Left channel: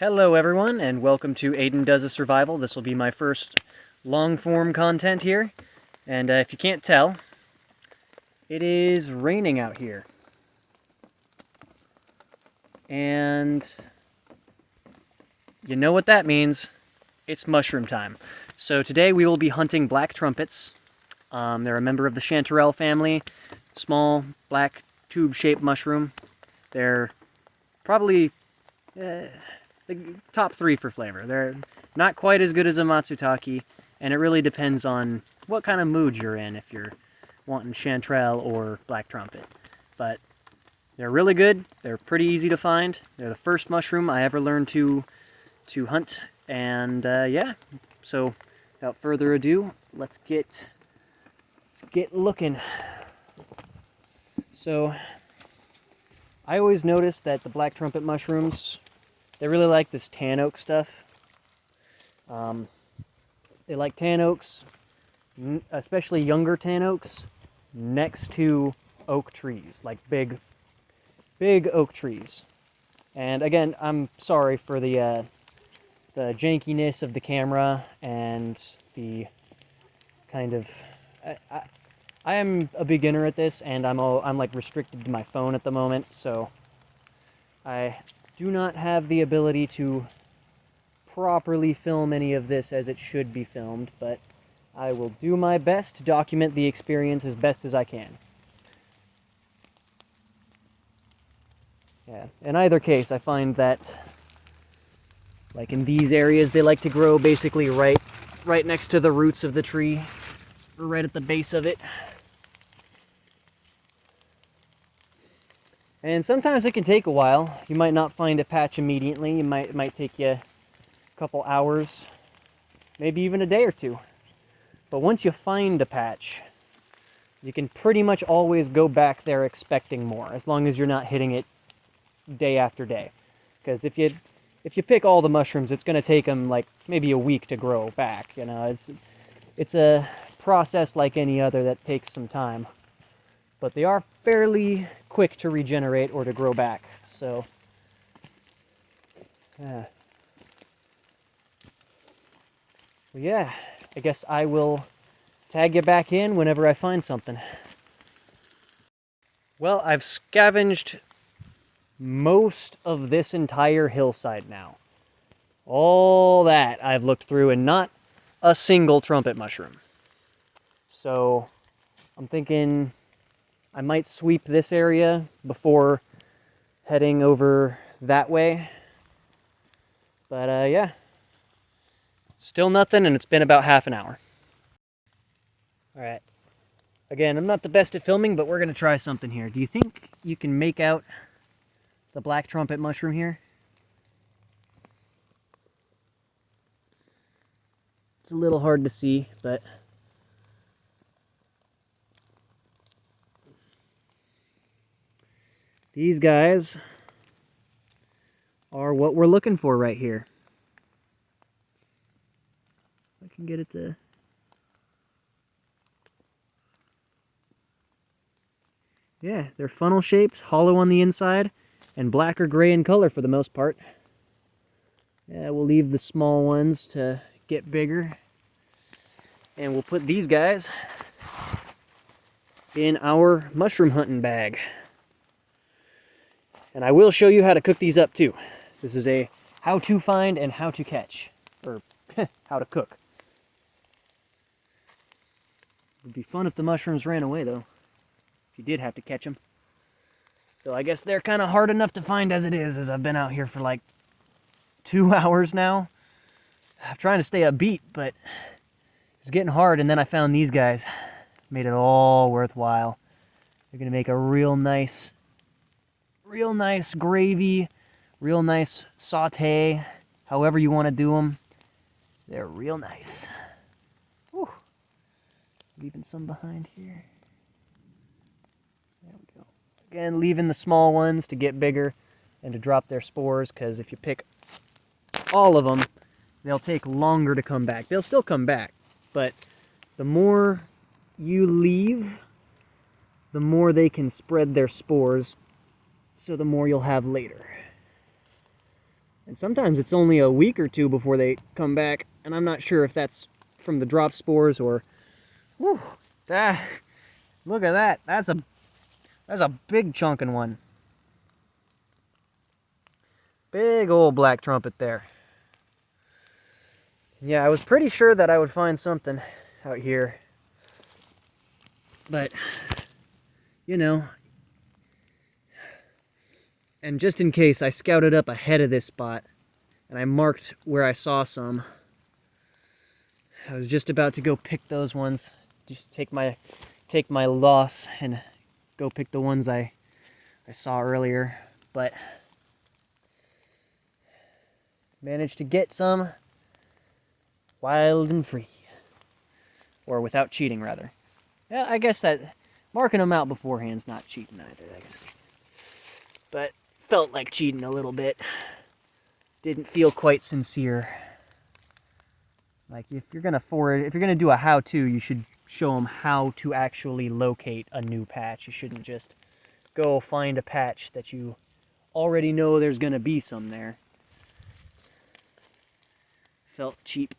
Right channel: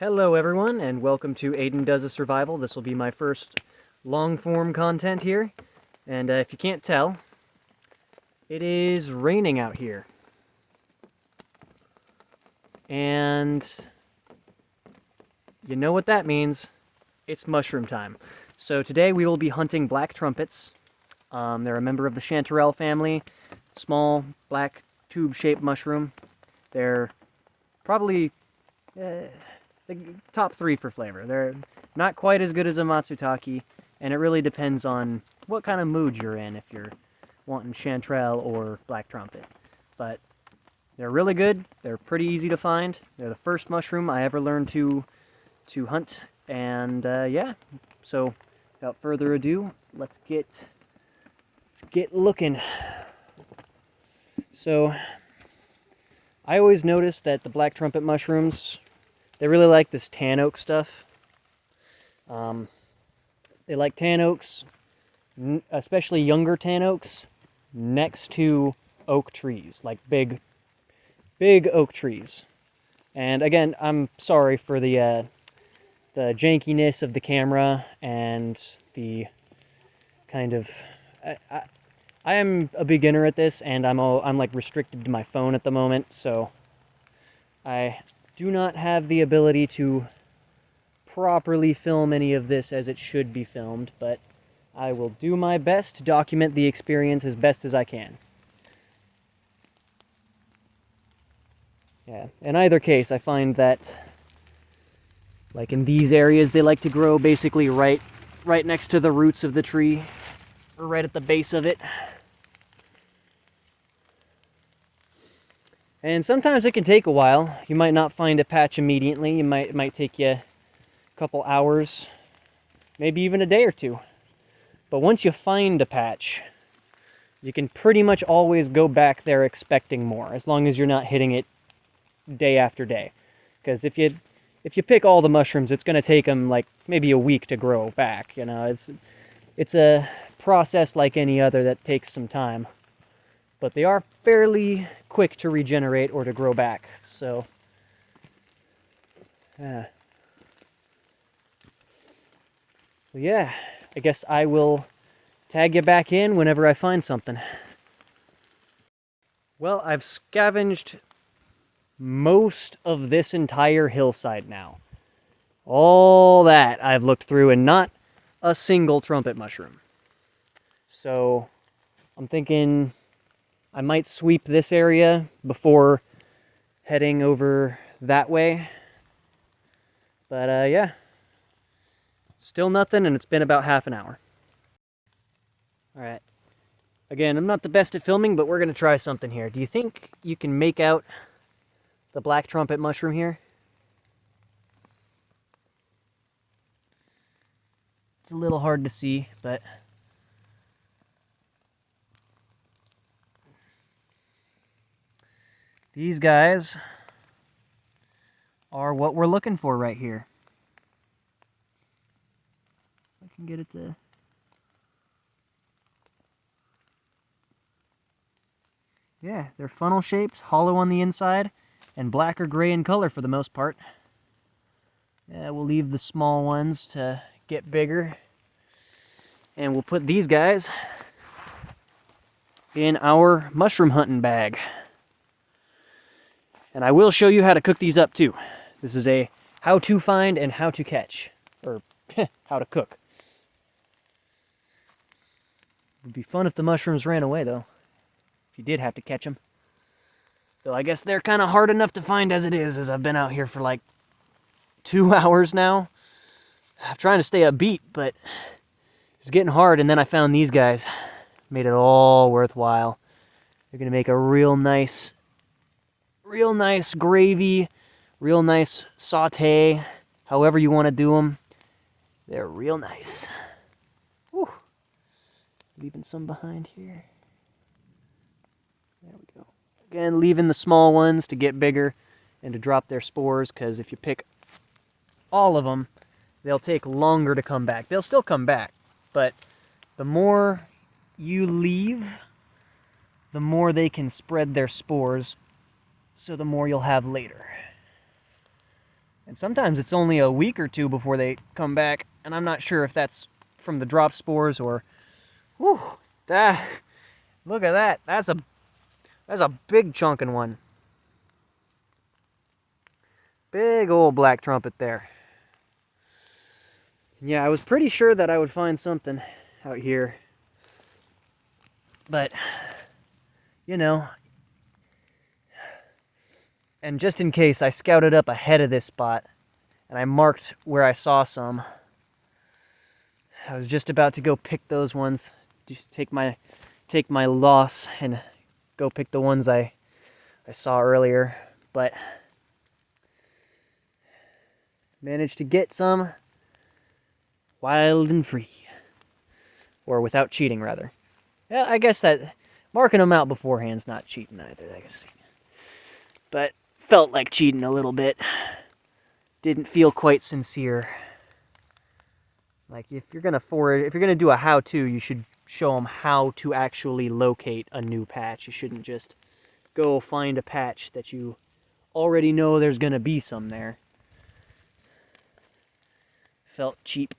Hello everyone, and welcome to Aiden Does a Survival. This will be my first long-form content here, and if you can't tell, it is raining out here. And you know what that means. It's mushroom time. So today we will be hunting black trumpets. They're a member of the chanterelle family, small black tube-shaped mushroom. They're probably the top 3 for flavor. They're not quite as good as a matsutake, and it really depends on what kind of mood you're in, if you're wanting chanterelle or black trumpet. But they're really good. They're pretty easy to find. They're the first mushroom I ever learned to hunt, and yeah. So without further ado, let's get looking. So I always notice that the black trumpet mushrooms, they really like this tan oak stuff. They like tan oaks, especially younger tan oaks, next to oak trees, like big oak trees. And again, I'm sorry for the jankiness of the camera and the kind of... I am a beginner at this, and I'm like restricted to my phone at the moment, so I do not have the ability to properly film any of this as it should be filmed, but I will do my best to document the experience as best as I can. Yeah, in either case, I find that, like in these areas, they like to grow basically right next to the roots of the tree, or right at the base of it. And sometimes it can take a while. You might not find a patch immediately. It might take you a couple hours, maybe even a day or two. But once you find a patch, you can pretty much always go back there expecting more, as long as you're not hitting it day after day. Because if you pick all the mushrooms, it's going to take them like maybe a week to grow back. You know, it's a process like any other that takes some time. But they are fairly quick to regenerate or to grow back. So, yeah, I guess I will tag you back in whenever I find something. Well, I've scavenged most of this entire hillside now. All that I've looked through, and not a single trumpet mushroom. So I'm thinking I might sweep this area before heading over that way. But yeah, still nothing, and it's been about half an hour. Alright, again, I'm not the best at filming, but we're going to try something here. Do you think you can make out the black trumpet mushroom here? It's a little hard to see, but these guys are what we're looking for right here. If I can get it to... Yeah, they're funnel shaped, hollow on the inside, and black or gray in color for the most part. Yeah, we'll leave the small ones to get bigger. And we'll put these guys in our mushroom hunting bag. And I will show you how to cook these up too. This is a how to find and how to catch, or how to cook. It'd be fun if the mushrooms ran away though, if you did have to catch them. Though I guess they're kind of hard enough to find as it is, as I've been out here for like 2 hours now. I'm trying to stay upbeat, but it's getting hard, and then I found these guys. Made it all worthwhile. They're gonna make a real nice gravy, real nice saute, however you want to do them. They're real nice. Whew. Leaving some behind here. There we go. Again, leaving the small ones to get bigger and to drop their spores, because if you pick all of them, they'll take longer to come back. They'll still come back, but the more you leave, the more they can spread their spores, so the more you'll have later. And sometimes it's only a week or two before they come back, and I'm not sure if that's from the drop spores or... Whew, look at that. That's a big chunkin' one. Big old black trumpet there. Yeah, I was pretty sure that I would find something out here. But, you know, and just in case, I scouted up ahead of this spot, and I marked where I saw some. I was just about to go pick those ones, just take my loss and go pick the ones I saw earlier, but managed to get some wild and free, or without cheating, rather. Yeah, I guess that marking them out beforehand's not cheating either, I guess. But felt like cheating a little bit. Didn't feel quite sincere. Like, if you're gonna forage, if you're gonna do a how-to, you should show them how to actually locate a new patch. You shouldn't just go find a patch that you already know there's gonna be some there. Felt cheap.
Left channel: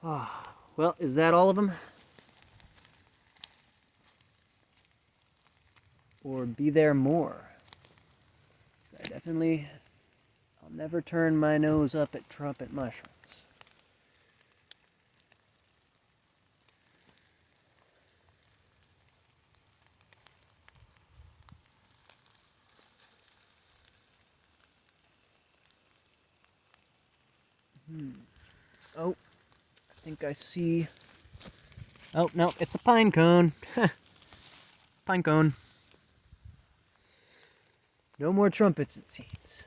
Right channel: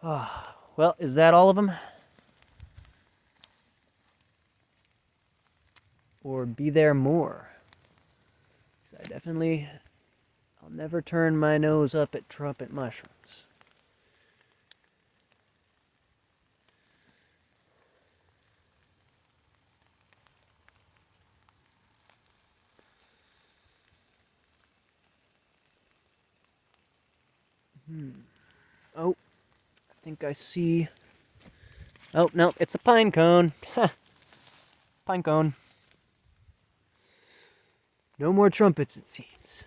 Well, is that all of them? Or be there more? 'Cause I definitely... I'll never turn my nose up at trumpet mushrooms. Oh, I think I see... Oh, no, it's a pine cone. Pine cone. No more trumpets, it seems.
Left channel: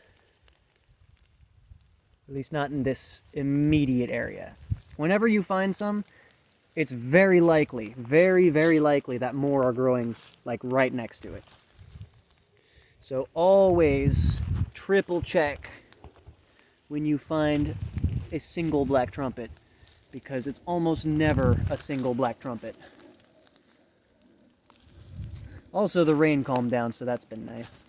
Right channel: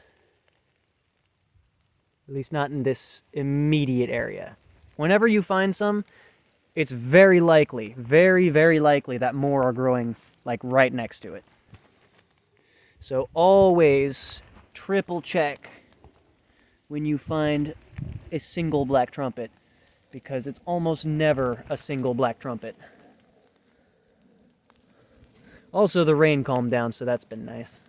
At least not in this immediate area. Whenever you find some, it's very likely, very, very likely that more are growing, like, right next to it. So always triple check when you find a single black trumpet, because it's almost never a single black trumpet. Also, the rain calmed down, so that's been nice.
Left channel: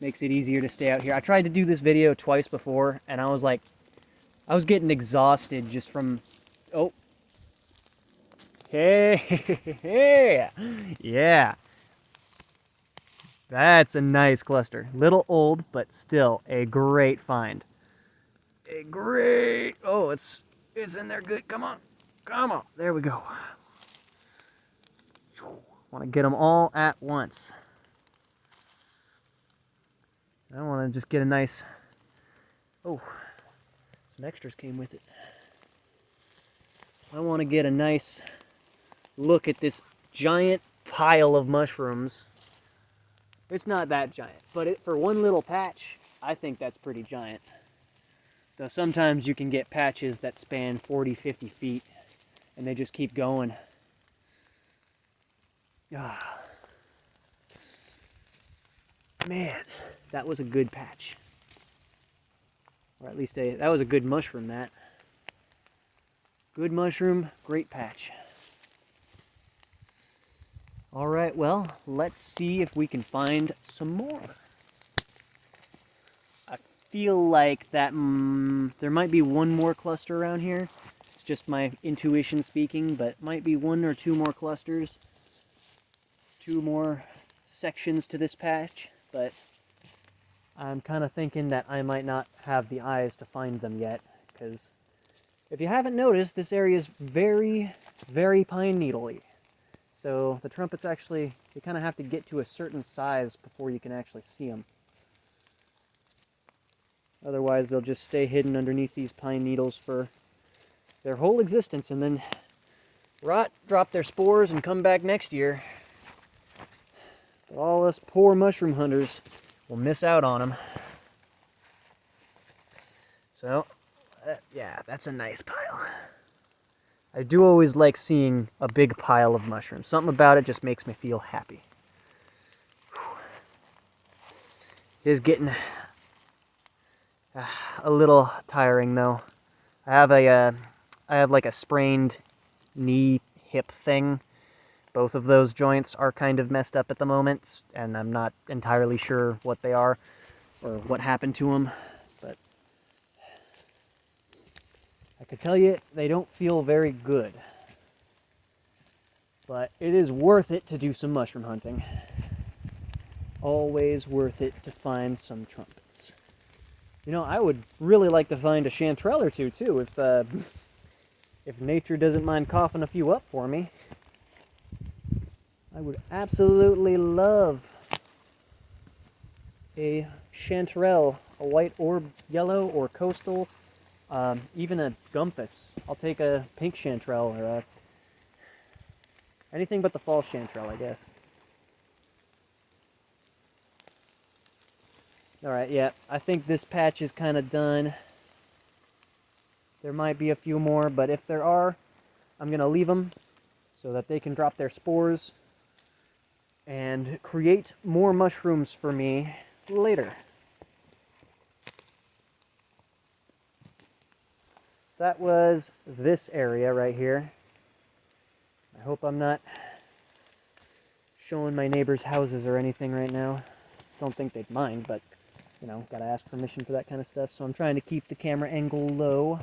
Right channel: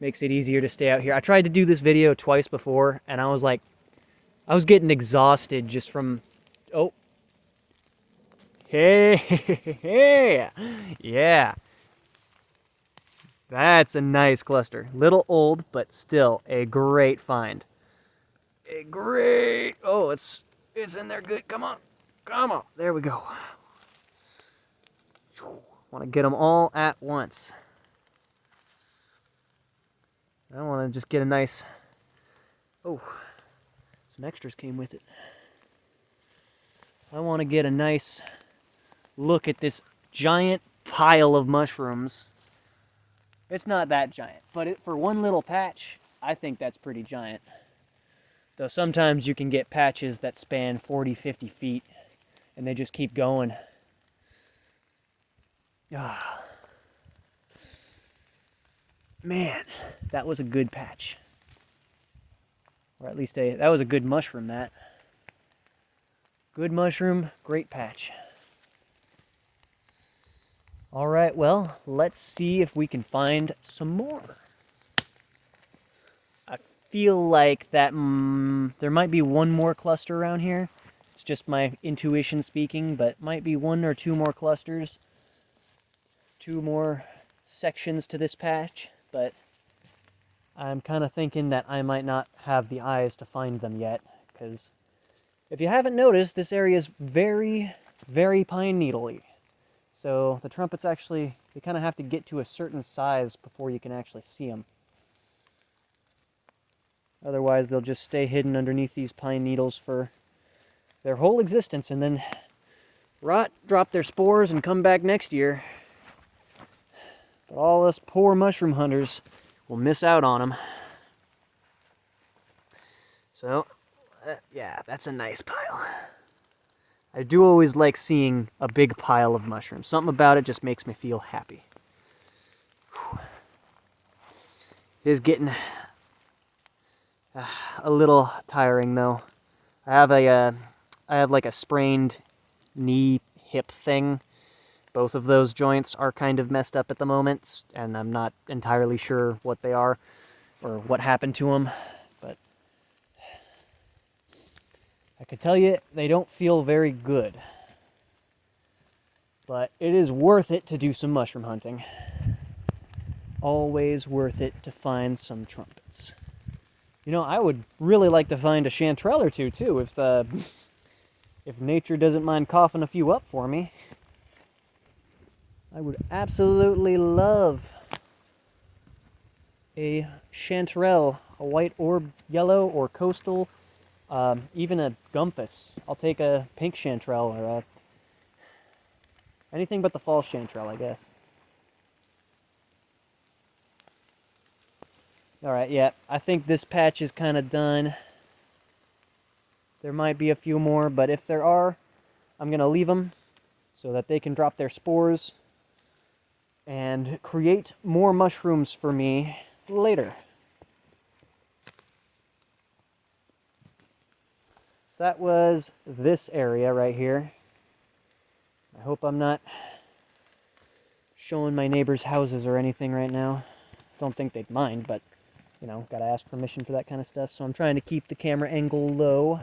Makes it easier to stay out here. I tried to do this video twice before, and I was getting exhausted just from... Oh. Hey, yeah. That's a nice cluster. Little old, but still a great find. A great... Oh, it's in there good. Come on. Come on. There we go. Want to get them all at once. I want to just get a nice... Oh, some extras came with it. I want to get a nice look at this giant pile of mushrooms. It's not that giant, but for one little patch, I think that's pretty giant. Though sometimes you can get patches that span 40, 50 feet, and they just keep going. Man, that was a good patch. Or at least that was a good mushroom, that. Good mushroom, great patch. Alright, well, let's see if we can find some more. I feel like that there might be one more cluster around here. It's just my intuition speaking, but might be one or two more clusters. Two more sections to this patch, but I'm kind of thinking that I might not have the eyes to find them yet, because if you haven't noticed, this area is very, very pine needle-y. So the trumpets actually, you kind of have to get to a certain size before you can actually see them. Otherwise, they'll just stay hidden underneath these pine needles for their whole existence, and then rot, drop their spores, and come back next year. But all us poor mushroom hunters will miss out on them. So, yeah, that's a nice pile. I do always like seeing a big pile of mushrooms. Something about it just makes me feel happy. Whew. It is getting a little tiring, though. I have like a sprained knee hip thing, Both of those joints are kind of messed up at the moment, and I'm not entirely sure what they are or what happened to them, but I could tell you they don't feel very good. But it is worth it to do some mushroom hunting. Always worth it to find some trumpets. You know, I would really like to find a chanterelle or two, too, if nature doesn't mind coughing a few up for me. I would absolutely love a chanterelle, a white or yellow or coastal, even a gumpus. I'll take a pink chanterelle or anything but the false chanterelle, I guess. Alright, yeah, I think this patch is kind of done. There might be a few more, but if there are, I'm going to leave them so that they can drop their spores and create more mushrooms for me later. So that was this area right here. I hope I'm not showing my neighbors' houses or anything right now. Don't think they'd mind, but, you know, gotta ask permission for that kind of stuff. So I'm trying to keep the camera angle low.